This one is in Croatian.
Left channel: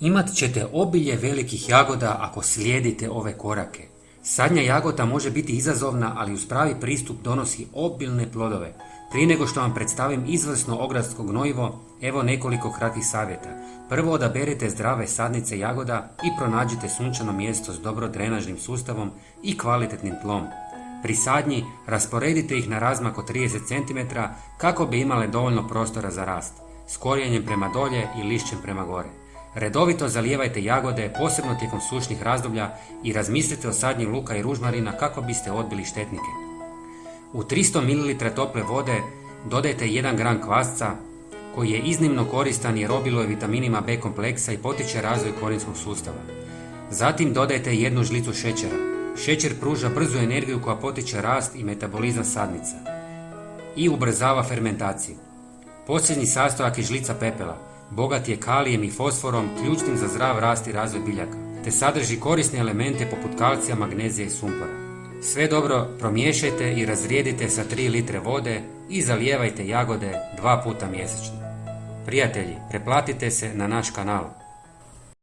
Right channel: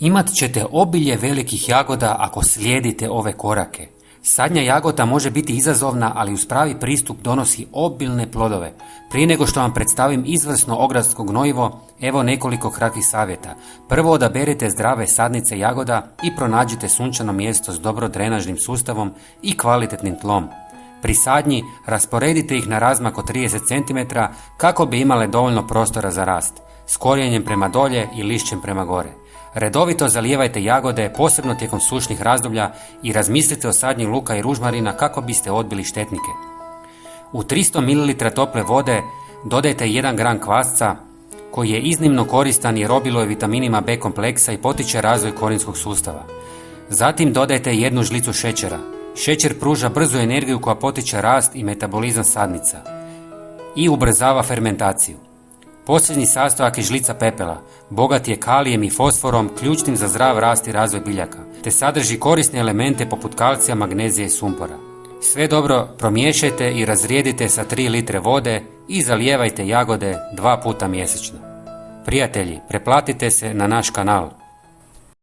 Imat ćete obilje velikih jagoda ako slijedite ove korake. Sadnja jagoda može biti izazovna, ali uz pravi pristup donosi obilne plodove. Prije nego što vam predstavim izvrsno ogradsko gnojivo, evo nekoliko kratkih savjeta. Prvo, odaberite zdrave sadnice jagoda i pronađite sunčano mjesto s dobro drenažnim sustavom i kvalitetnim tlom. Pri sadnji rasporedite ih na razmak od 30 cm kako bi imale dovoljno prostora za rast, s korijenjem prema dolje i lišćem prema gore. Redovito zalijevajte jagode, posebno tijekom sušnih razdoblja, i razmislite o sadnji luka i ružmarina kako biste odbili štetnike. U 300 ml tople vode dodajte 1 gram kvasca koji je iznimno koristan jer obiluje vitaminima B kompleksa i potiče razvoj korinskog sustava. Zatim dodajte 1 žlicu šećera. Šećer pruža brzu energiju koja potiče rast i metabolizam sadnica i ubrzava fermentaciju. Posljednji sastojak je žlica pepela. Bogat je kalijem i fosforom, ključnim za zdrav rast i razvoj biljaka, te sadrži korisne elemente poput kalcija, magnezija i sumpora. Sve dobro promiješajte i razrijedite sa 3 litre vode i zalijevajte jagode 2 puta mjesečno. Prijatelji, pretplatite se na naš kanal.